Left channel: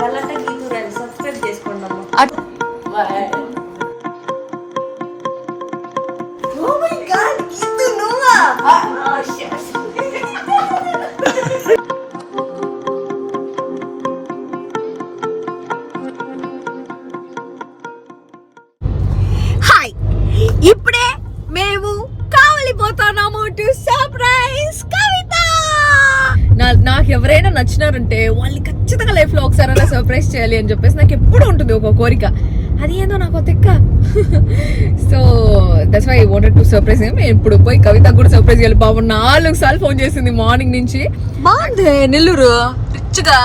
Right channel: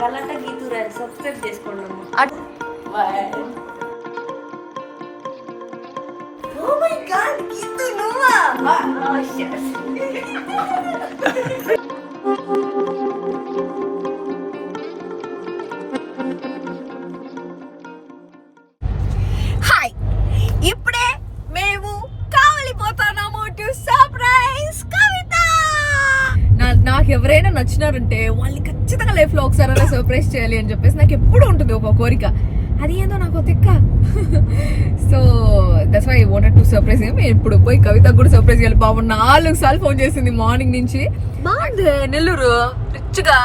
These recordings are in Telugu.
వాళ్ళంటే గీతూ రాదు, సబ్స్క్రైబ్ చేసుకోండి. హాయ్, ఇప్పుడే మేము కావలిపోతున్నాము టు సర్ప్రైజ్ కవిత. నాకు ఎవరైనా నచ్చినారంటే వాళ్ళని ఖచ్చితంగా లైఫ్ లో ఒకసారి సర్ప్రైజ్ చేయాలి అని చెప్పేసి నాకు ఎప్పుడు ఉంటుంది ఒక కోరిక. అది ఏదో నాకు తిక్క. So that's why I wanted to surprise him. ఇప్పుడు పోయి కవిత కూడా సర్ప్రైజ్ చేయాలి. బాబు 4 సార్లు ఫోన్ చేసింది మార్నింగ్ నుంచి. బాగుంది నెల్లూరు రిచ్ గా.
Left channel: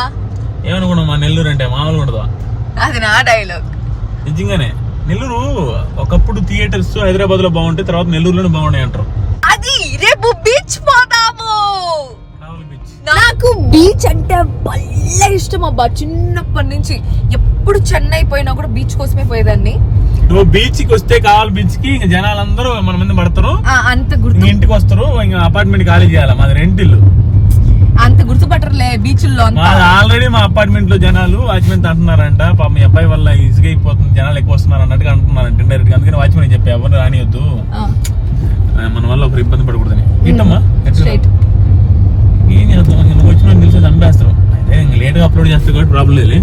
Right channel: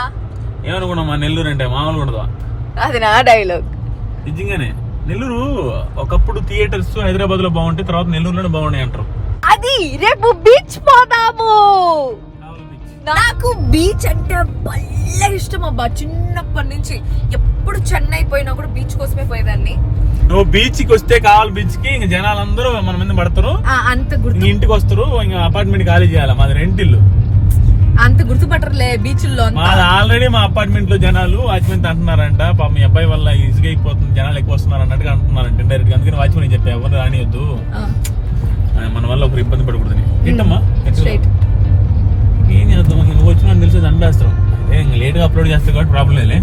ఏమనుకున్నామా నెల్లూరు అంటే మామూలుగా ఉండదు. అది నా డైలాగ్. నిజంగానే నెల్లూరు ఒకప్పుడు థియేటర్స్ హైదరాబాద్ లో బాగుంటే తర్వాత నెల్లూరులోనే బాగున్నాయి అంటారు. అది రేపు బీచ్ పోదాము. నాకు బీచ్ అంటే భలే ఇష్టం అబ్బా. చిన్నప్పటి నుంచి ఎప్పుడు చెన్నై పోయినా కూడా బీచ్ కోసమే పోయేదాన్ని. నువ్వు బీచ్ కి వస్తే కావాలి బీచ్ కి ఇంకా జనాలందరూ మన మీద పడతారు. అంత గుర్తు ఇంటికి వస్తారు. ఇంకా అపార్ట్మెంట్ ఖాళీ చేయాలి. మాది రెంట్ ఇల్లు. అంత గుర్తుపట్టరులే బీచ్ లో. ఆల్రెడీ మా అపార్ట్మెంట్ లో జనాలు వాచ్మెన్ అంటున్నారంట, పాప మీ అబ్బాయి వల్ల ఈజీగా అయిపోతుంది, జనాలు ఎక్కువ వస్తున్నారు అన్నట్టుగా అంటున్నారంట డైరెక్ట్. అందుకని వాచ్మెన్ చెప్పా ఎవరు రానివద్దు, మన వల్ల ఒకరు ఇబ్బంది పడకూడదని. ఏంటమ్మా ఏం చేద్దాం, నువ్వు వచ్చిన తెలిసేది అనిపిస్తావు. లేట్ గా అప్లోడ్ చేస్తావు కాబట్టి ప్రాబ్లం లేదు.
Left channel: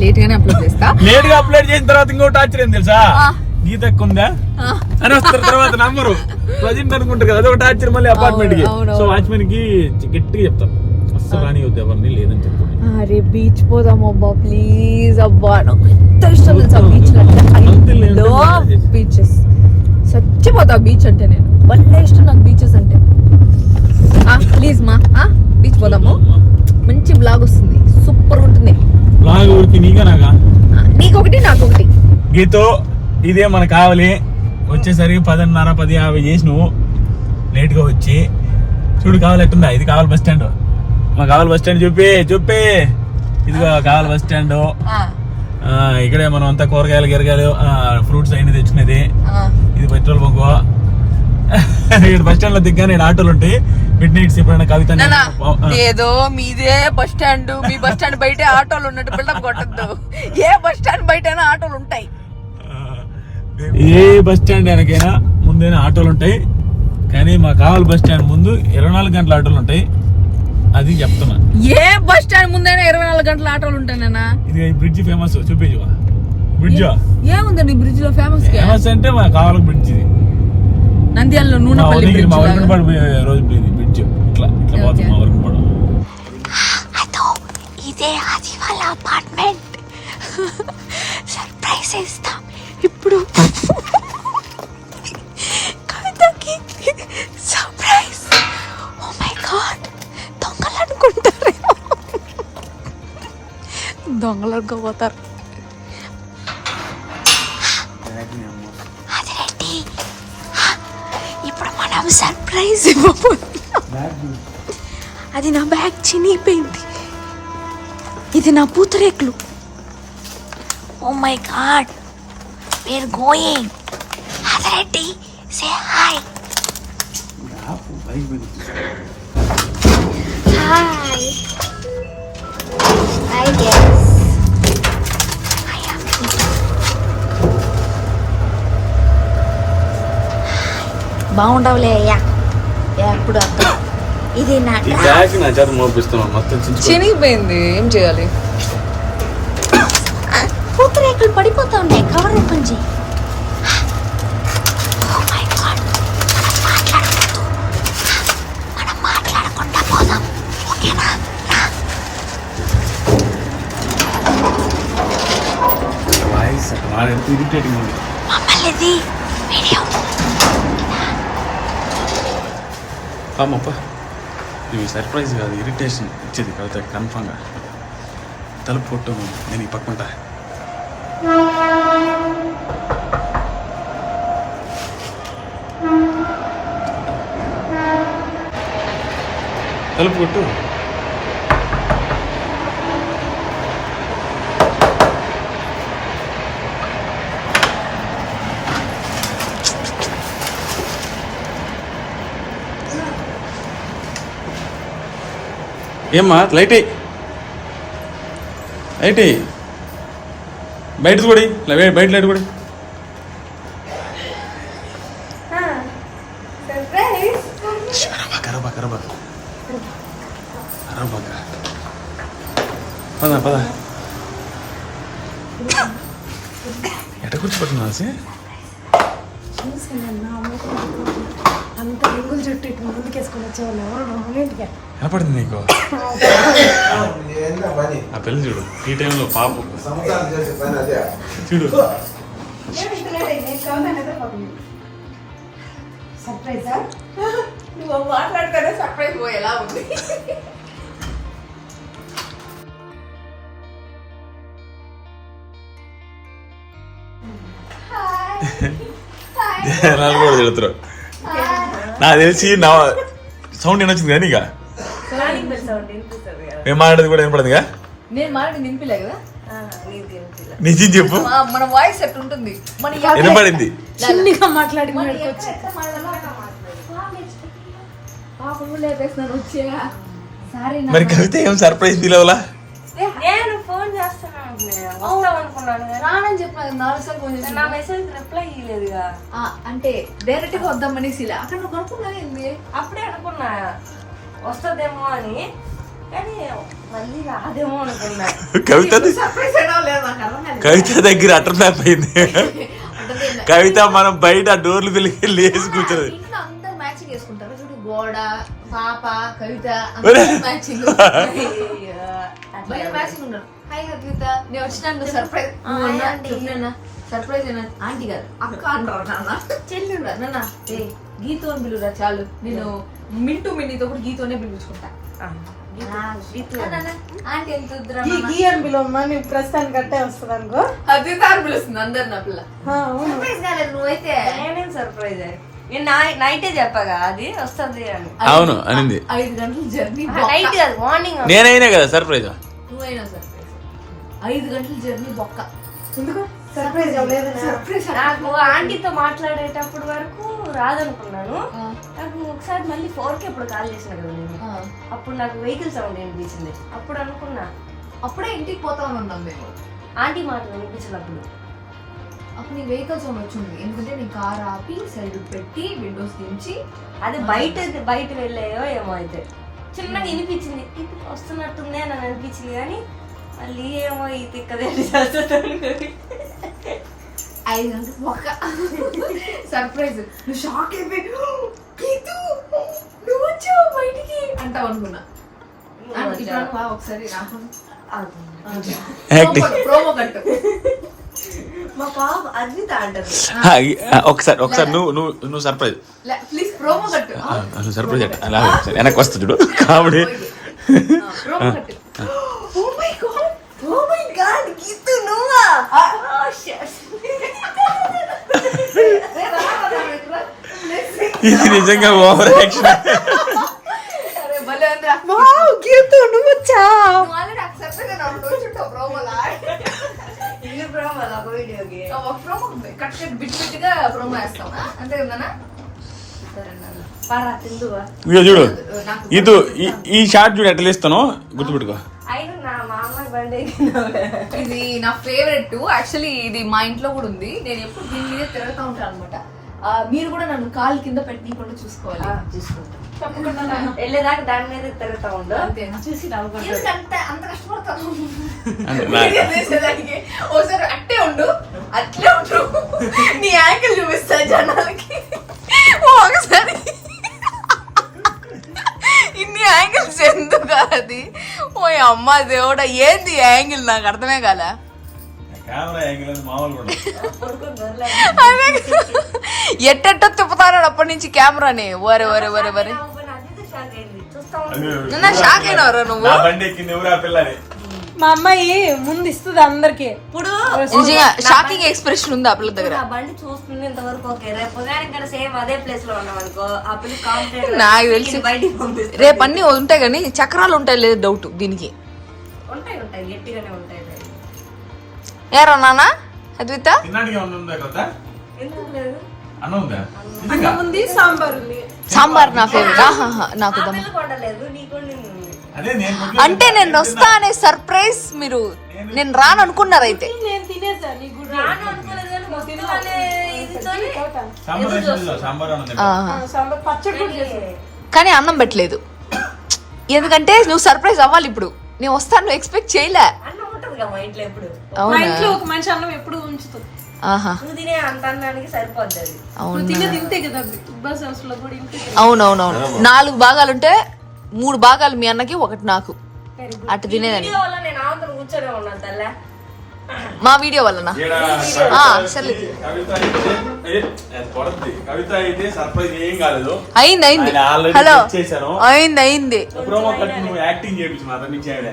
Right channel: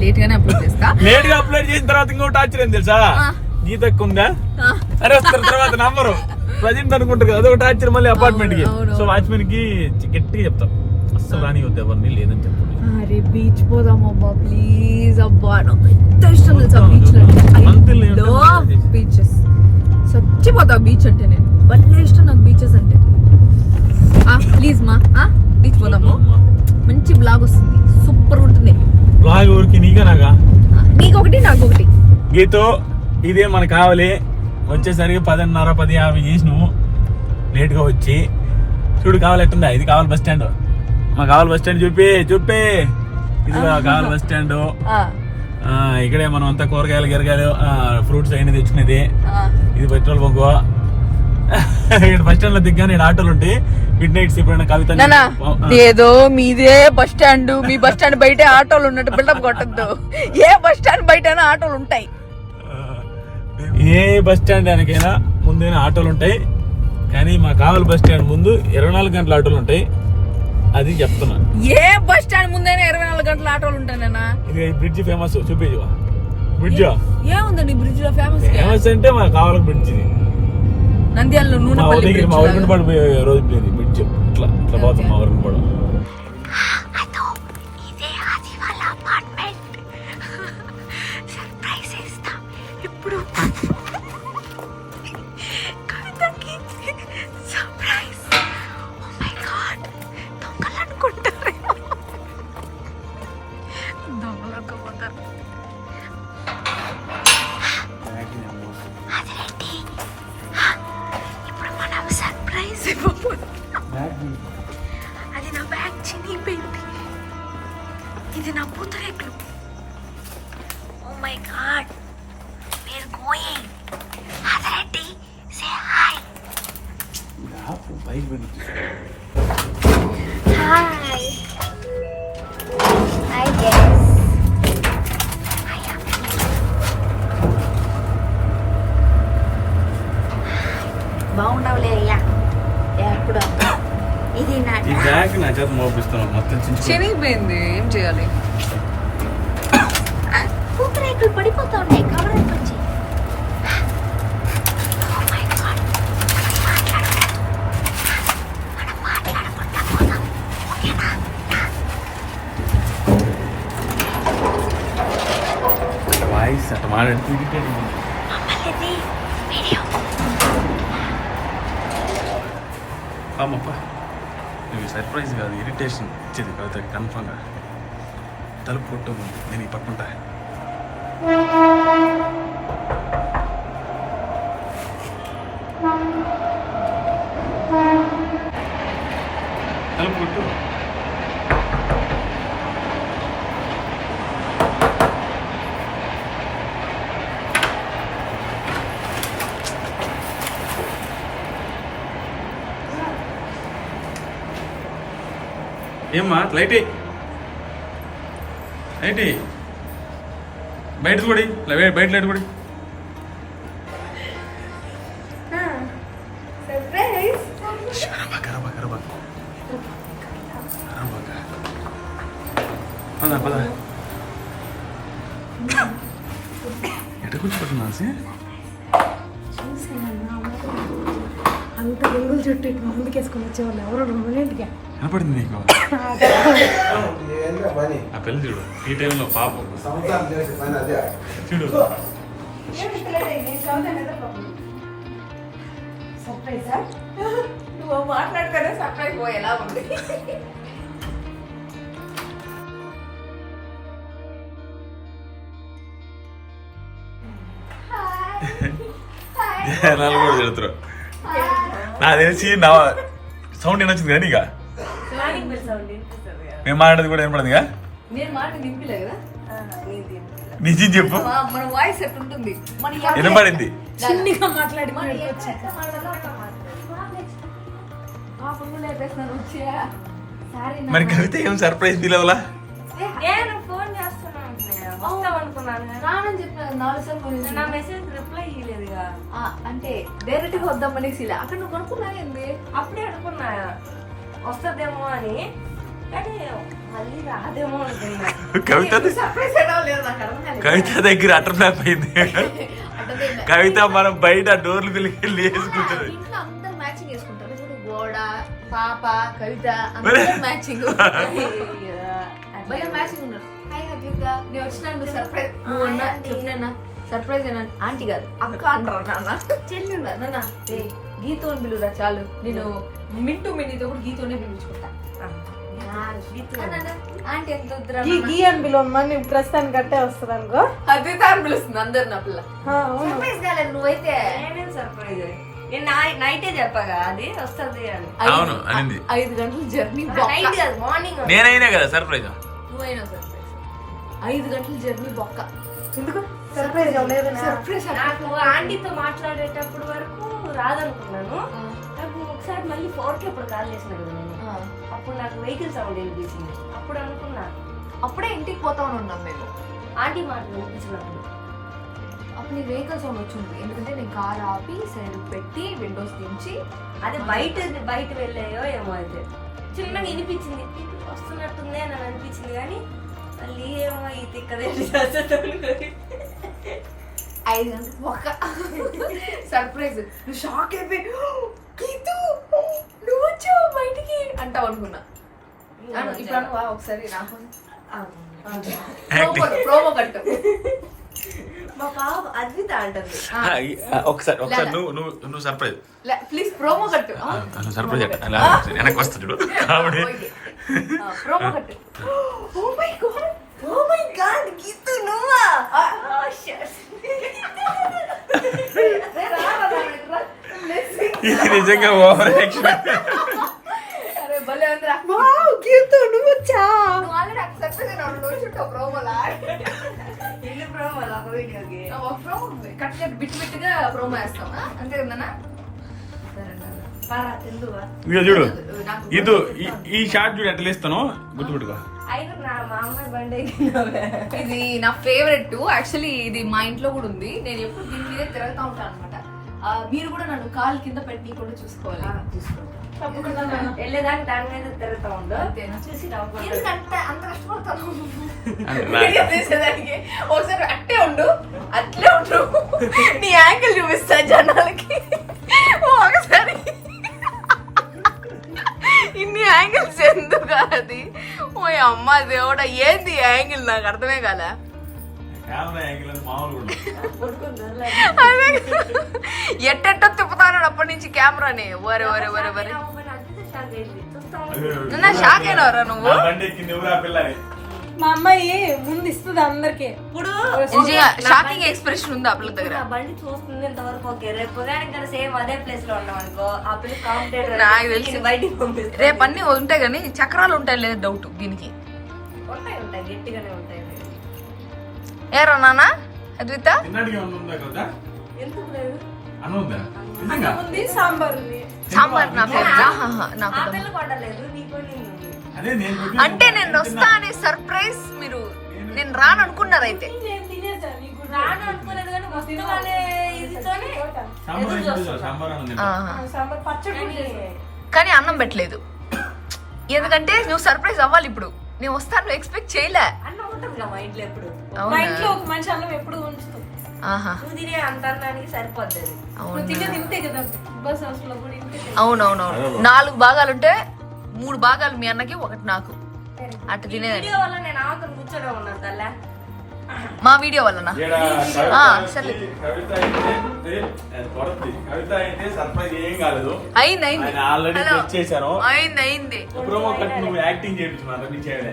లేట్ గానే అప్లోడ్ చేస్తా. లేట్ గా అప్లోడ్ చేసిన తర్వాత ఇంకోటి ఆశ్చర్యం తెలుసా, గీత ఎక్కుందా అని వస్తారు తర్వాత నంబరు ప్రజెంట్ అనుకుంటారు కదా, అదొకటి ఆశ్చర్యం మళ్ళీ అపార్ట్మెంట్ కి. సో వాచ్మెన్ కి గట్టిగా చెప్తాం అస్సలు రానివద్దు ఎవరిని, లేదని చెప్పండి. అరే బీచ్ పోదాం అబ్బా ప్లీజ్. అబ్బా నాకు ఎంత ఇష్టం తెలుసా బీచ్ అంటే. బీచెస్ చచ్చిపోతా బీచ్ అంటే. నేను భలే ఇష్టం నాకు బీచెస్ అంటే. ప్లీజ్ మా బీచ్ పోదాము. మంచి బ్లాగ్ వస్తుంది, సూపర్ ఉంటుంది బ్లాగ్. ఊరికి నీగా నాగా? నీకొకటి నాకు ఒకటి. గీతో ఇదే మనకు కావాలి. వచ్చేసరికి 10:30 10:50 చేసి నువ్వు లేట్ గా వచ్చి చూడు కావాలి ఎట్టుందా. ఇది కావాలి బస్ స్టాండ్. మా కావాలి బస్ స్టాండ్ చూపి ఇది కావాలి బస్ స్టాండ్. ఇక్కడే మనం అంతా కూరగాయలు గిరగాయలు ఫ్రూట్స్ అన్ని తెచ్చుకునేది. ఇది పెట్రోల్ బంకు. ఇక్కడ బస్ స్టాండ్ లో దిగ్గానే ఆటోలు ఉంటాయి. మిడ్ నైట్స్ ఎప్పుడైనా కవిత ఏదో మీదే బస్ స్టాండ్, మీ బస్ స్టాండ్ బయట ఆటోలు ఉన్నట్టు బిల్డప్ కొట్టద్దు. ఏ బస్ స్టాండ్ బయట ఆటోలు ఉంటాయి. ఏ బస్ స్టాండ్ వెనకైనా ముందైనా ఆటోలు ఉంటాయి. కానీ మా కావాలి బస్ స్టాండ్ ముందు 24 గంటల ఆటోలు ఉంటాయి. అది చెప్తున్నా. ఏ బస్ స్టాండ్ ముందైనా 24 గంటల ఆటోలు ఉంటాయన్నా. ఇది బ్రిడ్జ్ ఫేమస్. చూపించు బ్రిడ్జ్ ఏముందండి బ్రిడ్జ్ లో ఫేమస్. ఫేమస్ అంటే మా కావాలి బ్రిడ్జ్. ఇది నంద్యాలలో మా వరకుంపాడు రోజు బ్రిడ్జ్ ఇట్లా పోతుంది. మా వరకుంపాడు. ఇదే అది వాళ్ళ అపార్ట్మెంట్. సర్ప్రైజ్ ఇస్తాం ఇప్పుడు. కవితకి సర్ప్రైజ్. ఓ మై గాడ్, దొంగలు అనుకుంటారు. దొంగలు అనుకోపోతారు. అది రెడ్డి. ఇప్పుడు మనం సర్ప్రైజ్ ఇవ్వబోతున్నాం. అది నా బ్యాగ్ చినిగిపోయింది. ఇది నా పూతరేకులు. Oh my God, we're going. Adretti, say hi. Hi. I guess. I am here. బాగుండవులే అయ్యా ఎప్పుడు అర్థం. ఇది నా బ్యాగ్ నా చేత మోపిస్తున్నాను మొత్తం చినిగిపోయింది. ఏం చేయాలి? పూతరేకులు పడిపోతా ఉన్నాయి. కవర్ ఓపెన్ చేయి. మనం మాట్లాడకుండా పోదాం, ఓకేనా? వాయిస్ అట్లా మాట్లాడితే ఇరిటేటింగ్ ఉంది. మమ్మల్ని వీడియో అమ్మప్ప, ఇవి సర్ప్రైజ్ కాదు, ఇరిటేషన్ ఇచ్చేది కవితకి కన్ఫామ్గా. తలుపు కొట్టు, నేను ఈ పక్కుంటా. తలుపు కొట్టు. ఏమ్మా లైట్ లైట్ బయట కూడా బయట లైట్ కూడా పద పద ఎట కూర్చోబెట్టున్నా అంత రింగులు చుట్టూ ఇటు ముందుకేసుకొని వచ్చేవాళ్ళు ఎవరు రొమాంటిక్గా కనపడింది నీకు ఆ పిల్ల చూడు ఈ టైంలో పాప చూడు సర్ప్రైజా నువ్వు మాట్లాడుకునే సర్ప్రైజ్ పోయేలా ఉంది. జనాలు కూడా తిడతారు. నాకు తెలిసి నా సౌండ్ వినొచ్చింది కానీ ఇక మేము మాట్లాడేది కూడా వినపడిందిగా. నేను మాట్లాడి నింపిలే కదా నిజం చెప్పు. మన వాయిస్ ఎట్లా ఉంటుంది మన వినపడింది. చిన్నగా మాట్లాడి మరి కవిత ఏం సర్ప్రైజ్ ఫీల్ అవ్వలా? నేను ఫోన్ చేస్తాను అనుకున్నాను రానని చెప్పిన 4 సార్లు ఫోన్ చేసి నా మెసేజ్ రిప్లై ఇవ్వలేదుగా. అంటే డైరెక్ట్ గా వద్దామనేసి అక్కడ నువ్వు కొనుక్కున్నా ఏంది అప్పుడే అనుకున్నా వస్తుందేమో అని, కానీ మళ్ళీ రాదేమో అనుకున్నా. సర్ప్రైజ్ అయినా లేదు నాకు అర్థం కాలేదు. కవిత దగ్గర అటర్ మ్యాప్ అయింది. కవిత మనం బయట డోర్లు పిలిచి లేసి కూర్చున్నది. ఇంట్లో అందరూ మ్యాచింగ్ వేసుకుంటారు చూడు, గోడ పాప కవిత మ్యాచింగ్ మ్యాచింగ్ ఉన్నారు. హాయ్ కవిత నేను వచ్చినా నువ్వు సర్ప్రైజ్ నువ్వు అన్నా చెప్పినా సర్ప్రైజ్ అయినా ఆంటీ గారు అక్క అంటారు నాన్న చెల్లి నాన్న ఏ గీతో అని పిలువురా చాలు, నేను మింటూ మిన్నీతో కూడా గీతోనే పిలుచుకుంటా. ఆంటీ ఎంత గీఎంబిలో ఉన్నా నేను ప్రస్తుతానికి గట్టే వస్తుంది అనుకో. అద్విత అని పిలుస్తుంది అందరు నా పిల్ల. సర్ప్రైజ్ కాలేదు నువ్వైతే. నేనేం సర్ప్రైజ్ నేను నైటే చెప్పగా అది వస్తుంది అని. అవును అనింది. 5 గంటల జర్నీ నైట్ కాదు మార్నింగ్. నేనైనా కదా సర్ప్రైజ్. నువ్వైనా సర్ప్రైజ్ 5 గంటల జర్నీ బొక్క. ఎందుకు సర్ప్రైజ్ లేదని సర్ప్రైజ్ నాకు ఆంటీతో మాట్లాడేటప్పుడు వరకు రాదనుకున్నాను. నాకు ఒకసారి మళ్ళీ 4కి అప్పుడు కాల్ చేసిన కదా నేను, అప్పుడు నాకు వెహికల్ సౌండ్ వినిపించింది. అప్పుడు అనుకున్నా అప్పుడే ఇంటికి పోతామని ఉన్నాం మేము. ఆంటీ మాట వినిపించినప్పుడు అప్పుడు నీ వెహికల్ సౌండ్ వచ్చింది, ఎందుకంటే నేను కార్ ఆపి సైడ్ పెట్టి విండోస్ దించి అది బయట వెళ్ళాయో ఏమో, అయితే చిన్నగా వినిపించింది. ఇప్పుడు వస్తున్నట్టుంది అని అనిపించింది, కానీ మళ్ళీ ఏమో ఈ తిక్కదే 5 గంటలకు బొక్క సర్ప్రైజ్. నువ్వు షాక్ అయిపోయి గీతు నువ్వు వచ్చావు బయటికి అంటావు అనుకున్నా. ఇప్పుడు ఒకసారి నాకు ప్రోమో కట్టు. మా పాప అద్విత అంటది. ఒకసారి నువ్వు సర్ప్రైజ్ ప్లీజ్ ప్రోమో కట్టు. నువ్వు సర్ప్రైజ్ అట్ట అలా వెనక్కి వస్తా చూడు కామెడీ. ప్రోమో కట్టు. ఓ మై గాడ్ గీతు నువ్వా? ఇది నిజంగా ఓవర్ యాక్షన్. అరే భలే ఉందిరా. గీతు నువ్వు వచ్చా ఆల్రెడీ యాక్సెప్ట్ చేశాను రోజు చుట్టూ ప్రోమోలా. ఇల్లు ప్రోమో ఒక వీడియోకి ఒక ప్రోమో ఉంది, కట్ కట్ బిట్ బిట్గా ప్రోమో వేస్తావా అంతే కదా. పరా తిందువా ఇక చూడు ఇది ఈ షార్ట్ చూడు ఎట్లా ఇస్తాను గుర్తుపెట్టుకో. అయినా మా అమ్మాయి బండి ఇది నా ఫేవరెట్. యాక్చువల్లీ ఇది మా ఇంట్లో కూడా ఉంది, నేను ఎప్పుడు దీని మీద తిరుగుతూ ఉంటాను అనమాట. మీరు కూడా నన్ను కాలు కింద పెట్టకుండా చూసుకోవాలి. చూసుకుంటా వెళ్ళేదాకా దాని మీద తిరుగుతా ఉండు. అంతేనా? చూసి నవ్వుకుంటా. ఎందుకంటే అంత కష్టపడతాను అంటే నా- చేసేదానికి. ఒకసారి అట్టే ఉండు, అట్లే ఉండు, నీ యాంగిల్ చూపిస్తా జనాలకి. ఒకసారి ఇన్ని యాంగిల్స్ ఎందుకు అది? ఓ అమ్మ దేవుడా ఏంది యాంగిల్ నాకు అర్థమే కాలే. ఎట్టెట్టో తిప్పుతాను అప్పటి నుంచి కెమెరాని. వరే వరే వరే వరే నా షాక్ అయినవరా నువ్వు? నా బండి ఎక్కింది ఎవరు ఆ పిల్ల అని. మా అమ్మాయి ముందు ఇస్తుంది అందరికి. ఇప్పుడు నిజంగా షాకింగ్ ఎక్స్ప్రెషన్ ఉంది ఆ పిల్ల దగ్గర. ఆ బండి చూస్తుంది ఇంతవరకు. ఓకే రేపు ఉదయానికి కూడా సేమ్ అదే ప్లేస్ లో ఉన్నాం అనుకో, ఆ పిల్ల కాంపిటేటివ్ నాకు తెలిసి బయటికి పంపిస్తాం. రేపు అన్ని ఉంటాయి కానీ చక్రాలు ఉంటాయి లేదు డౌట్ దీనికి. ఉంటాయి గట్టిగానే ఉంటాయి. ఏరా నాన్న అద్విత తిన్నాడికి ఏమన్నా ఉందా కదా? ఎందుకు లేదు? అన్నం ఉందా? నిజంగా? ఉంది సాంబార్ ఉంది. సాంబార్ నా ఫేవరెట్. నాకు ఆ పిల్ల కొట్టలేదు, నీకు వండింది ఉంది. అదే అంటే నేను వస్తా అనే సర్ప్రైజ్ మీరు నేను రాను అనుకున్నారు అయితే. నేను తినేసా నీకు కూడా సాంబార్ పచ్చడి కూడా చేసా. కానీ అన్నం పెట్టలేదు, ఎందుకంటే నువ్వు సర్ప్రైజ్ అవ్వాలి. ఇప్పుడు నేను వస్తాను ఎక్స్పెక్ట్ చేయలే. అన్నం ఉంటుంది కదా మా ఇంట్లో ఎప్పుడు. మా అవునా? ఇంట్లో ఒక మనిషి అన్నం ఎప్పుడు ఉంచుతాం. ఆహా, నువ్వు తినే అంత అన్నానికి సరిపోద్ది అది. అవునా? తింటే కదా బిగ్ బాస్ హౌస్ లో కూడా ఇంతే. అవునవునవును, 4 భాగాలుంటే 3 భాగాలు మీ అన్నకి, 1 నాకు. అటు తినేదాన్ని. వీడియో వల్ల నేను ఆవతను కూర్చొని ఉన్నాను తల్లే. మా వీడియో వల్లనా? సరే. కవిత అయితే సర్ప్రైజ్ ఏం కాలేదు. అయింది అయింది. ఆయన already హలో, guess చేశాను. అయింది అయింది. ప్రోమో కట్ నువ్వు యాక్టింగ్ చేయించు, అంత మించి చేయలే.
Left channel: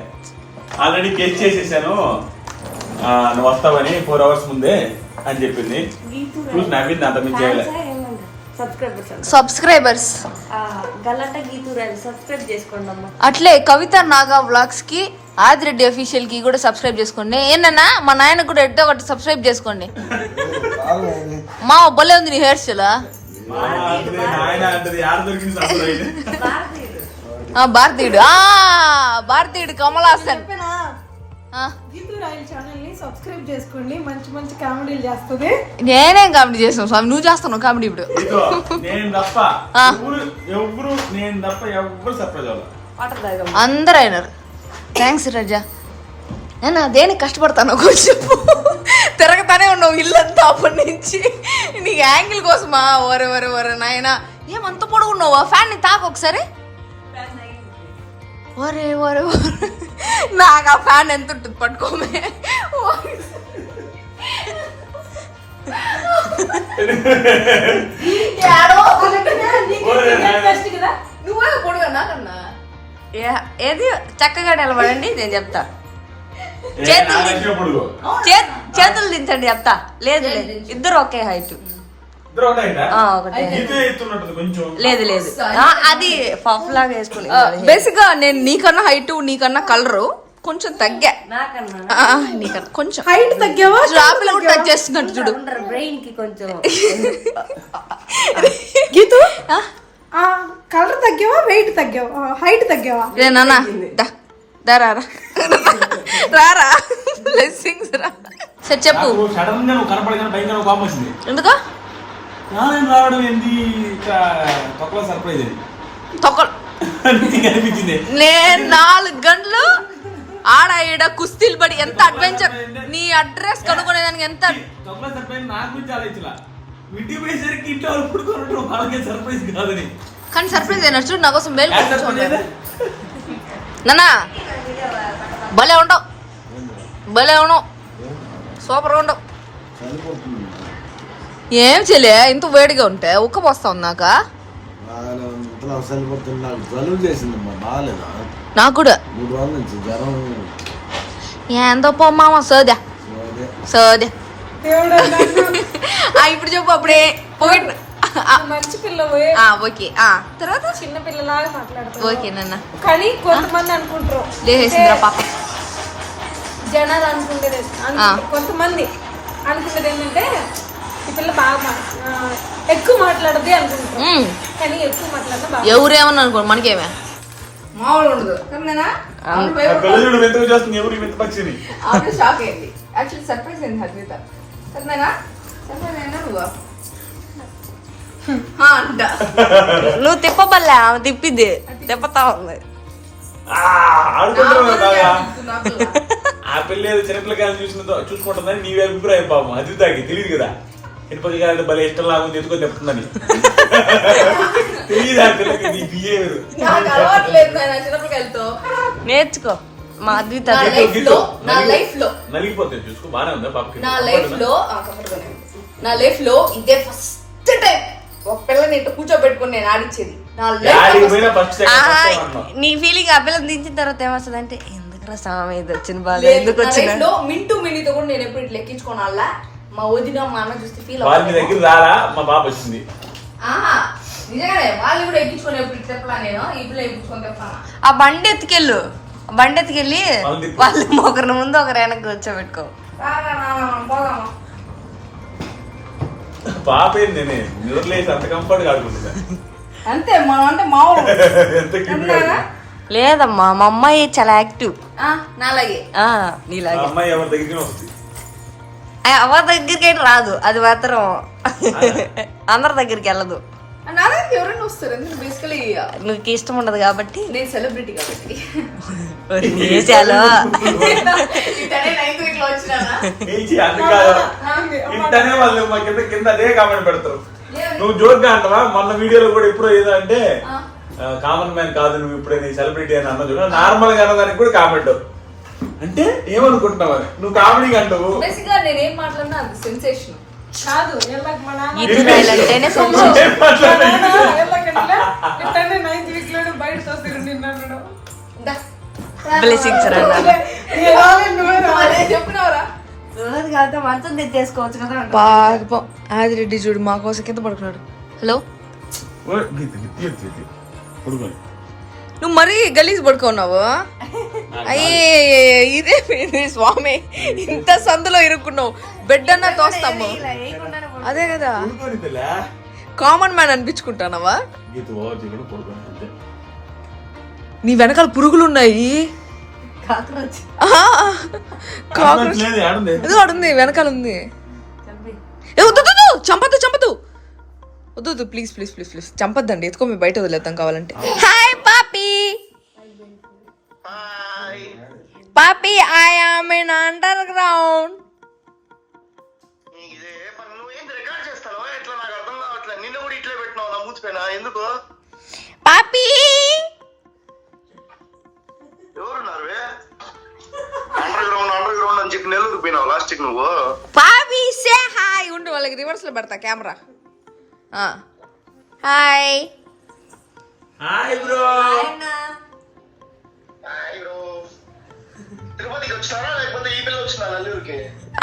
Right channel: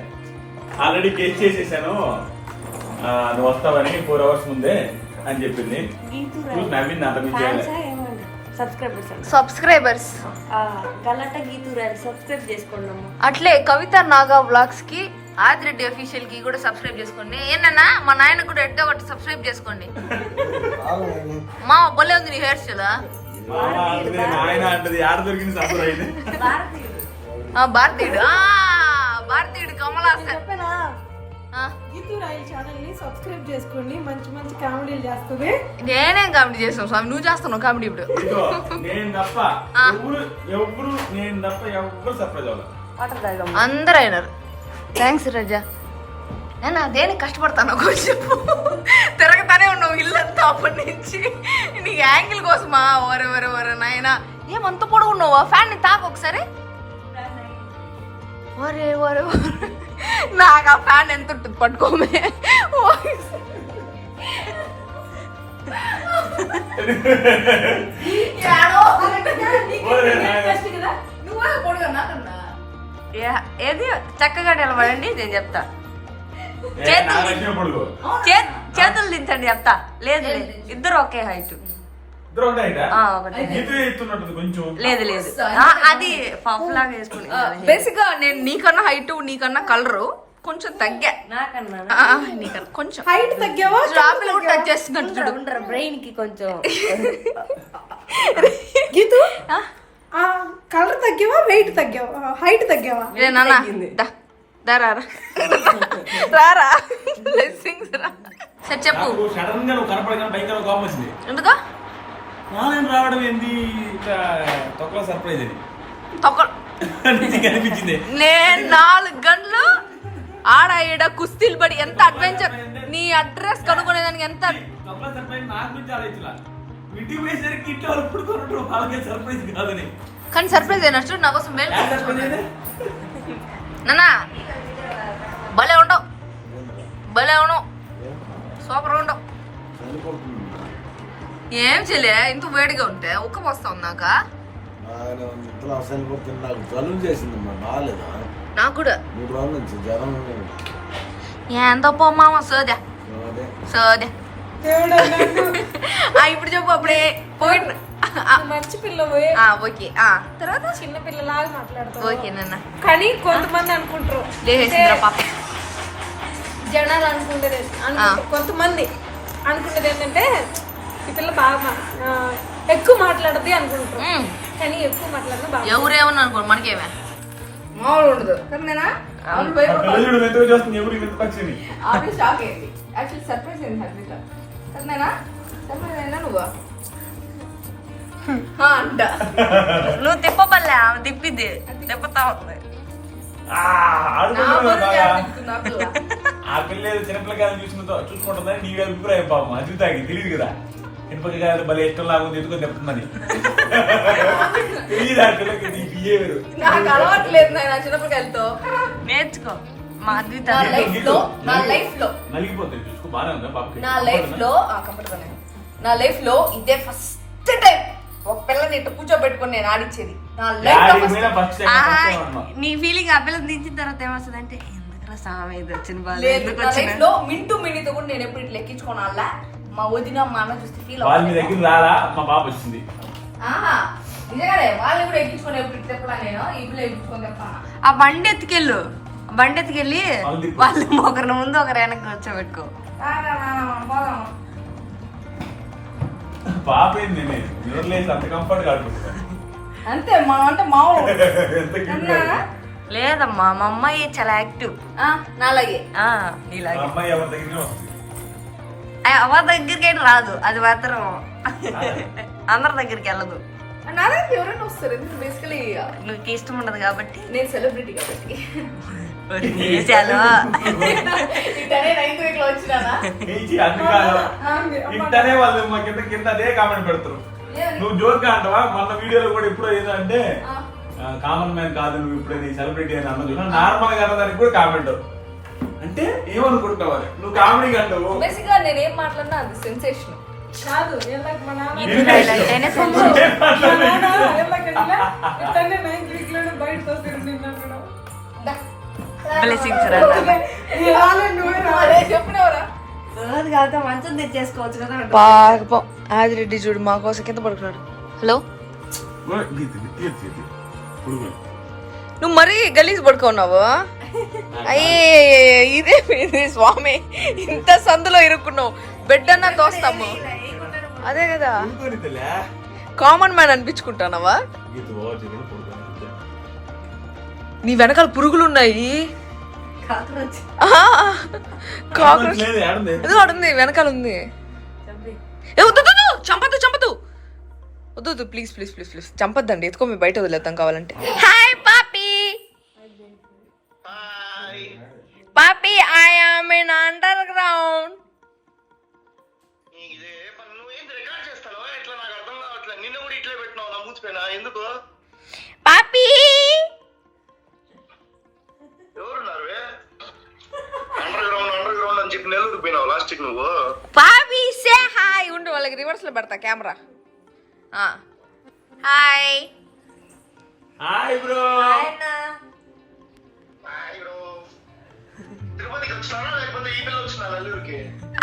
ఆల్రెడీ గెస్ చేసేసాను నువ్వు వస్తావని 4 hours ముందే అని చెప్పింది. చూసి నవ్వింది, అంత మించి చేయలే. సబ్స్క్రైబర్స్ గల్లట గీతురాలు సబ్స్క్రైబ్ చేసుకోండి అమ్మా. అట్లే కవిత నాగా వ్లాగ్స్ కి, ఆదిరెడ్డి అఫీషియల్ కి కూడా సబ్స్క్రైబ్ చేసుకోండి. ఏంటన్నా మా నాయనకు కూడా ఎట్టో ఒకటి సబ్స్క్రైబ్ చేసుకోండి. మా బొల్లే ఉంది నీ హెయిర్ స్టైల్. ఆయన అంటది ఆడ దొరికింది సర్ప్రైజ్. భారతీయుడు, భారతీయుడు కమల్ హాసన్. గీతూ రాయల్ ఛానల్ ని సబ్స్క్రైబ్ చేసుకోండి, మంచి మంచి కామెడీలు చేస్తుంది. నేనేం కామెడీ చేస్తాను స్వామి, నువ్వు చేస్తున్నావు కామెడీ ఇప్పుడు. నేను తప్ప ఎవరు సర్ప్రైజ్ అవ్వాలి. అందరూ అయినారు. థ్యాంక్స్ రజా. నేను దేనికి కష్టపడతాను కొంచెం. తిరగతానే ఉన్నావు ఇల్లంతా అప్పటి నుంచి. నీ యాంగిల్ కోసమా? వరే వరే వరే నాయనా, ఏమంత పొడుగున్నావు? ఆ ఫ్యాన్ ని తాకు ఒకసారి. వరే వరే వరే, నాకు ఆ ఫ్యాన్ ఎంత ఉంటుంది పట్టుకోమే. నువ్వే పొడుగా నాకన్నా. ఏది చక్కగా నిలబడండి, నేను చెప్తా. చేతులు దించండి చెప్తా. లేదు లేదు, ఇద్దరు ఒకే హైట్. ఒకటే లేదు లేదు, అది పఫ్ లాగా వేసుకుని. బేసిక్ గా నేను నీకన్నా హైట్, నీకన్నా కలరు కొంచెం తగ్గా. నాకన్నా నీకన్నా కొంచెం హైట్ తగ్గావా? డ్రాప్లు కూడా టచ్ చేస్తున్నట్టు చూడు. బ్రెయిన్ కి కొంచెం. గీతూ కలర్ తగ్గావా, వెయిట్ తగ్గావా, హైట్ తగ్గావా? నాన్న రారా బ్లెస్సింగ్స్ రా. సరే చెప్పు. సడన్ గా నువ్వు కనపడగానే భయంకర కోపం వచ్చింది. ఎందుకు రావడం ఏంది తొక్కలో సర్ప్రైజ్ అని అనిపించింది. నేను 4 గంటలు ఆడ ఈడ కుస్తీలు పడి ఎంత అడ్వెంచర్. నీ అడ్రస్ కనుక్కునేదానికి ఎంత తొక్కలో సర్ప్రైజ్ నాకు గురించి ఆలోచించలా. ఇంటికి పోయేసరికి ఇంట్లో అప్పుడు కొనడం వాళ్ళకే సర్ప్రైజ్ కాదని. కానీ సర్ప్రైజ్ అయినా చూడు, నా కోసం మేలు. నాన్న భలే ఉండవు, భలే ఉండవు, సూపర్ ఉండవు. ఏం చేయలే, ఇంత వేడిగా ఉంటే ఉక్క పోస్తా ఉన్నాక. నాకు కూడా ఎంతో పోమ్మామ సోదా సోదా. ఇప్పుడు చెప్పు. అప్పుడే పోయి మంచి పిల్ల ఓకే. తర్వాత చిన్న పిల్లలాగా మాట్లాడతావు. ఓకే నాన్న. కానీ కొంతమంది అనుకుంటారు, లేచేసిందిరా పాప. జనాలు అనుకునేది కొంతమంది అనుకునేది ఏంటంటే ఈ పిల్ల బాగా ఎక్కువ మాట్లాడద్ది అనుకుంటారు. కానీ ఎక్కువ మాట్లాడినా బాగా. ఎవరేమన్నా అనుకో, మనకేమే మామూలు ఉండదు. షాక్ అయింది. యాక్చువల్లీ సర్ప్రైజ్ అయింది హర్షిత. సరేనా? సర్ప్రైజ్ అయినా నువ్వు అంట. నువ్వు తిప్పబల్లే, ఆమె తిప్పిద్ది, తిప్పుతా ఉంది. ఆ పిల్ల చిన్నపిల్లకాయలు చూసుకుంటుందని నీ అభిప్రాయం. పాపం అది తాగి తెలియదు కదా, చిన్నపిల్లకాయలు భలే ఇష్టం లాగా ఎత్తుకొని తెప్పుతుందని. తెలియదు ఆ పిల్లకి నీ బిహేవియర్. చిన్నపిల్లకాయలతో నేర్చుకో. మా అద్విత నలిగిపోతుంది. చూసుకో, బాగానే ఉందా పాప? నా లైఫ్ లో ఇదే ఫస్ట్ టైం ఒక పిల్లని ఇట్లా కూర్చోబెట్టుకుని నేను ఆడిచ్చేది. నా నీ ఫీలింగ్ ఆ పిల్లలు దించిన తర్వాత ఏమొస్తుంది అంటే, ఎందుకు స్వామి ఇది వచ్చిన బాధ, ఎందుకు వచ్చిన. లైఫ్ లో మింటూ మినీతో కూడా నేను ఎప్పుడు ఇట్లా ఎక్కించుకోను. అలా మా వదిన మా అన్న చూస్తే ఫీల్ వాళ్ళ దగ్గర రారా మా పాప వచ్చింది. నిజంగానే వాళ్ళు కూడా ఎక్కించుకొని ఎప్పుడు చెప్పలా. నేను ఈ పిల్ల ఎక్కించుకొని చెప్పాను. ఆ బండి ఎత్తుకెళ్ళు, బండి ఎత్తుకెళ్ళి వాళ్ళు ఒకరి ముందు ఒకరు వెనక్కి కూర్చోబెట్టుకో. పాప ఏంది నిద్రలేసి అంత కంఫర్ట్ గా ఆడుకుంటా అంతే. మనం అంటే మామూలు లేదమ్మా మా అమ్మాయి చాలా యాక్టివ్. నాలాగే నీలాగే అమ్మాయి ఎవరి దగ్గరికి వస్తుంది. ఎవరి దగ్గరికి అయితే రాదు, అది మాత్రం అందరి దగ్గరికి వెళ్ళదు. నా దగ్గర ఎవరైనా వస్తారు, ఎందుకు బేసికలీ నీకు ఇష్టం ఉండదు కాబట్టి. నేను సెలబ్రిటీ కాబట్టి వేసాలో ఇంటనే వాళ్ళు మా కింద అదే కామెంట్ పెడతారు. నువ్వు జోక్ గా అంటారా? మొన్న వీడియోలో కూడా ఇప్పుడు ఏదో అంటే కామన్ మ్యాన్ కాదు నువ్వు ఇప్పుడే నీ సెలబ్రిటీ అని అన్న చూడ నార్మల్ గా దానికి కూడా కామెంట్ అంటే ఏమనుకుంటావు నువ్వు కామెడీ అంటావు. బేసిక్గా నేనేం మాట్లాడినా అది సెన్సేషన్ కాదు వీళ్ళకి మా నాన్న ఈదురాయిలు అంటేనే సెన్సేషన్. ఇట్లనే 9th week లోనే బయట తోసేరు నిన్నప్పుడు. బ్లెస్సింగ్స్ రా చెప్పినవరా రోజు కాదు మంచం తెచ్చేసుకోవచ్చు కదా. పాపం ఆదిరెడ్డి చూడు మా కోసం కింద పడుకున్నాడు. హలో నువ్వు మరీ గలీజ్ పడుకున్నావు. అయ్యే ఇదే స్వామి, ఇంత సందులో ఇరుక్కున్నావు. బెడ్ అన్నా తోస్తాము, అదే కదా కామన్ మ్యాన్ అనిపించుకుంటానవా? నీ వెనకాల పురుగులు ఉన్నాయి. ఏదో అడుంది వెనకాల ఉంది. చంపద్దు చంపద్దు వద్దు ప్లీజ్ ప్లీజ్ ప్లీజ్ ప్లీజ్ చంపద్దండి. ఎత్తుకో మీ బయట వదిలేద్దాం కావాలంటే. హాయ్ పాపీ. పాపీ I am in underground. పాపీ పాపీ సే హాయ్. ఉండు వాళ్ళకి రివర్స్ లో పెడతా camera. Hi hi bro.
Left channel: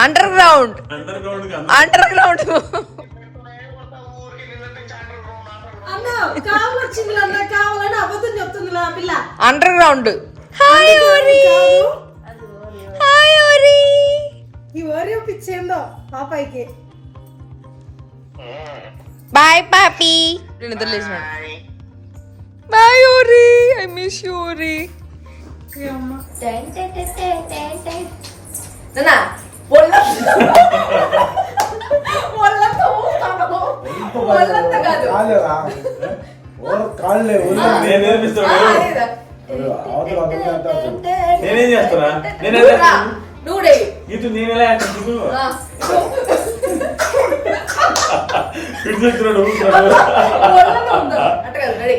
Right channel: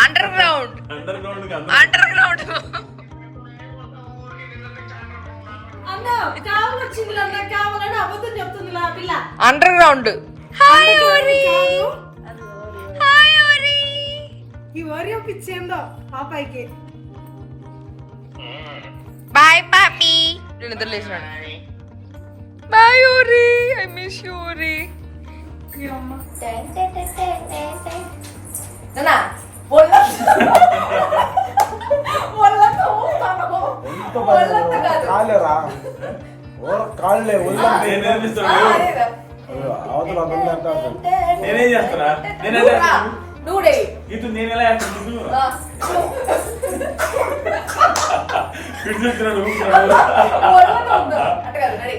Underground underground. అన్న కావాలి వచ్చింది అన్న, కావాలని అబద్ధం చెప్తుంది ఆ పిల్ల. Underground. హాయ్ ఓరి. హాయ్ ఓరి. ఈ ఓరియో పిచ్చేందో పాపాయికి. బాయ్ పాపీ. నేను నిద్ర లేచినాడు. బాయ్ ఓరి. ఐ మిస్ యూ ఓరి. నాన్న ఒళ్ళంతా కాదు. నేను నేర్పిస్తాను. నేనేం చేస్తానా? నేనంటే నువ్వుడే ఇది నేను ఎలా చేస్తాను? అంటే కాదు. రెడీ.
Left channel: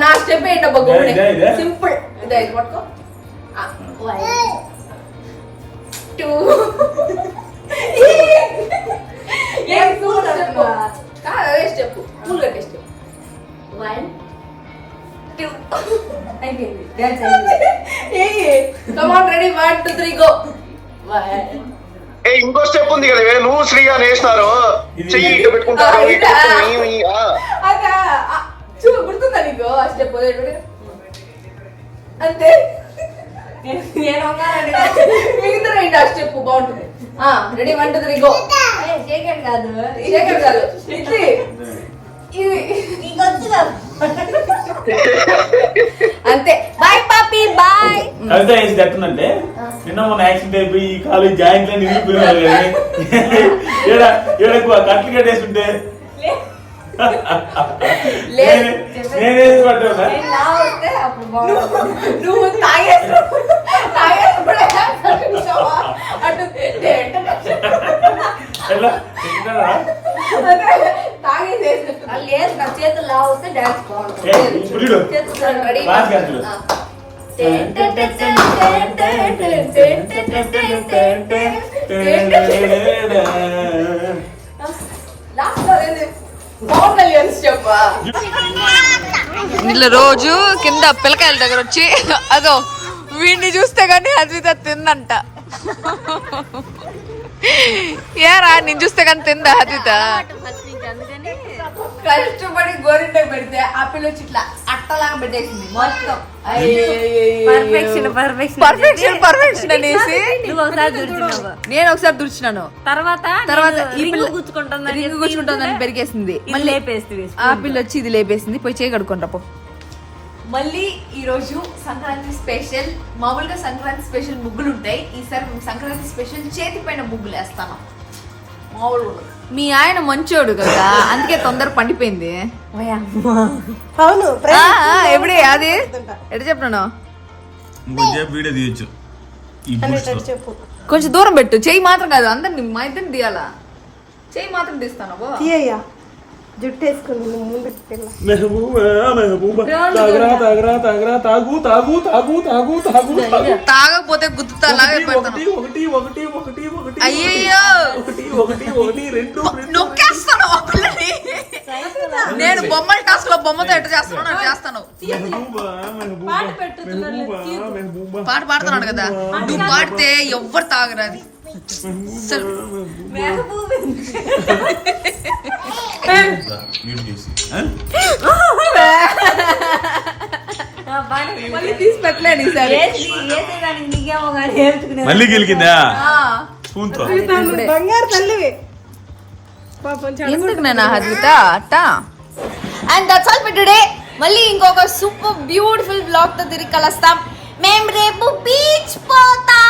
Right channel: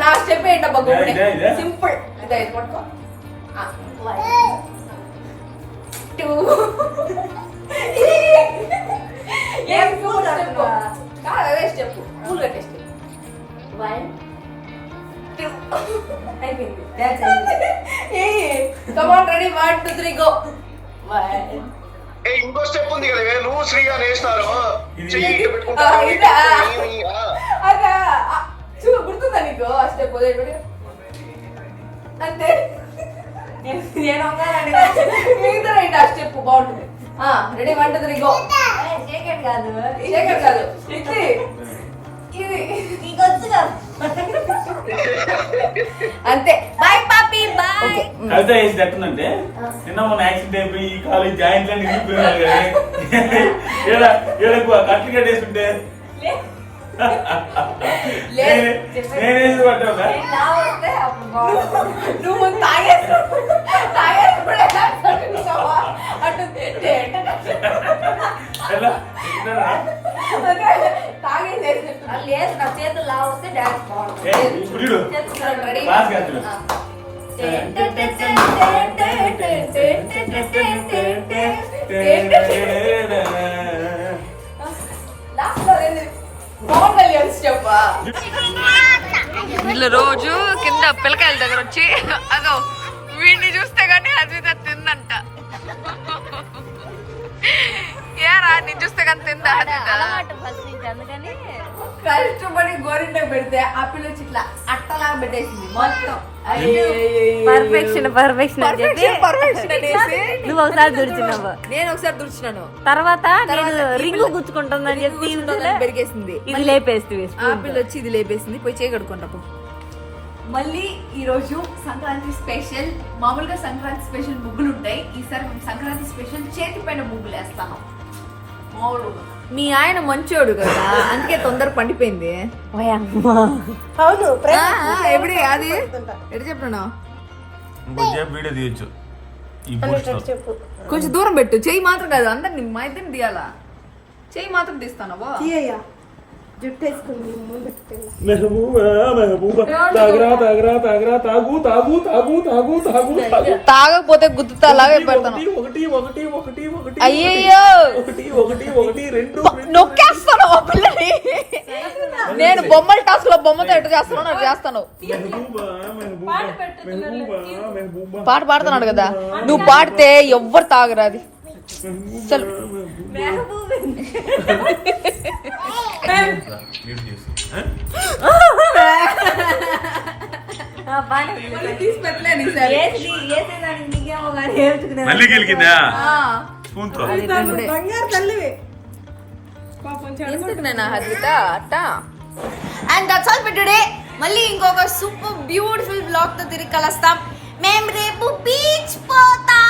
నా స్టెప్ ఏంటబ్బా గోడే సింపుల్. ఇదే పట్టుకో. 1 2 అదే స్టెప్ పూలు కట్టే స్టెప్. 1 2 అయిపోయింది. డాన్స్ అయిపోయింది. Come on ready 1 2 3 go. 1 ఇంకో స్టెప్ ఉంది కదా నువ్వు శ్రీగా నేస్తున్నారు చెయ్యి అదా చూ గుర్తుందా నీకు ఆ స్టెప్ అంతే. నేను వంగాలండి. మిగతా ఏంటి ఆ స్టెప్ బాగుంటుంది. Ready 1 2 3 go. షేకెడ్ కాదు, షేకెడ్ కాదు ఇది నీకు వచ్చిన అంతే. Bye poppy bye. కవిత ఏం చెప్తుందంటే నిన్న మొన్న యాక్సిడెంట్ అయిపోయి ఈ కాలేజ్ జాయింట్ లైన్ ఇరిగిపోయినారు కదా కట్లు కట్టేస్తుంటే నేనేది పడ్డా నువ్వు లేదు. నా చేతులు లావు వస్తే డాన్స్ ఇప్పుడు వీళ్ళు రోజు కింద పిల్లకాయల దగ్గర వచ్చి అదో వీడిని చూస్తే గానీ అద్విత తిందంట. ఏరా నేను చూస్తే కానీ తిందా అద్విత? కష్టపడి గోరింటకు పెడితే ఆ పిల్ల వచ్చి ఇట్లా అట్టలాగా పెట్టేసింది మొత్తం. పర్ఫెక్షన్ పర్ఫెక్షన్ అనేసి నువ్వు ఒకసారి గుర్తున్నావు. నేను ఒకసారి దుర్చినాను. తర్వాత ఈ రింగు పిల్ల గుచ్చుకుంటుందని రింగు గుచ్చుకుంటుందని పెరిగేసింది. ఇది లేపేస్తే ఆ పిల్ల వచ్చి ఇది లేపేసింది. పోయి చేయగడుకుంటా పో. మళ్ళీ ఈ రోజు సంక్రాంతి స్పెషల్. మామూలుగా సంక్రాంతి స్పెషల్ ముగ్గులు ఉంటాయి. ఈసారి మేము సంక్రాంతి స్పెషల్ చేతి పైన ముగ్గులు వేస్తాను. మామూలు మీ ఆయన మంచోడు కదా, అందుకే తొందర పండిపోయింది. అవును ఎప్పుడే అది ఎటు చెప్పినాను. ఇంకొంచెం వీడియో తీయొచ్చు ఈ బూట్స్లో. చెప్పు కొంచెం దూరం పెట్టు. చెయ్యి మాత్రం కాదు, అందరిని మా ఇద్దరిని తీయాలా. చెయ్యి మాత్రం తీస్తాను. తీయ్యా జుట్టు వేసుకుని ముందు పిల్ల మెహబూబా మెహబూబా తాగరా తాగరా తాగరా తాగు తాగు తాగు తాగు తాగు తాగు. తాగకపోతే గుద్దుతా అలాగే పెడతాను. ఒకటి ఒకటి ఒకటి ఒకటి అయ్యయ్యో ఒకటి ఒకటి ఒకటి రెండు నొక్కేస్తాను ఆ పిల్లని. నేను బొమ్మల టాస్క్ లో బొమ్మతో ఎట్ట చేస్తాను నాకు చేస్తాను. మెహబూబా మెహబూబా మెహబూబా మెహబూబా పాట పాడుతున్నాడు కదా, నువ్వు పాడితే ఎవ్వరు తాగరాది. మళ్ళీ గెలికిందా స్పూన్ తో. బంగారు తల్లివి పాపం ఎందుకు నా హద్విత అట్ట. And that's all for today. మళ్ళీ ఇంకొక సూపర్ బ్యూటిఫుల్ బ్లాగ్ తో తిరిగి కలుస్తాం. మేము రేపు బీచ్ పోతాం.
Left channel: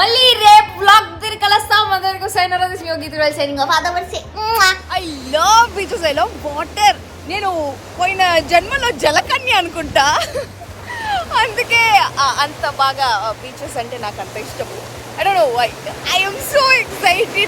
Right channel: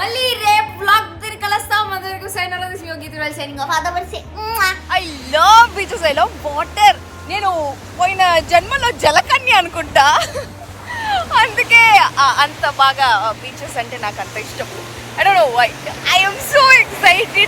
మళ్ళీ రేపు బ్లాగ్ తిరిగి కలుస్తాం. అందరికీ signing off. I love beaches, I love water. నేను పోయిన జన్మలో జలకన్య అనుకుంటా, అందుకే అంత బాగా బీచెస్ అంటే నాకు అంత ఇష్టము. I don't know why. I am so excited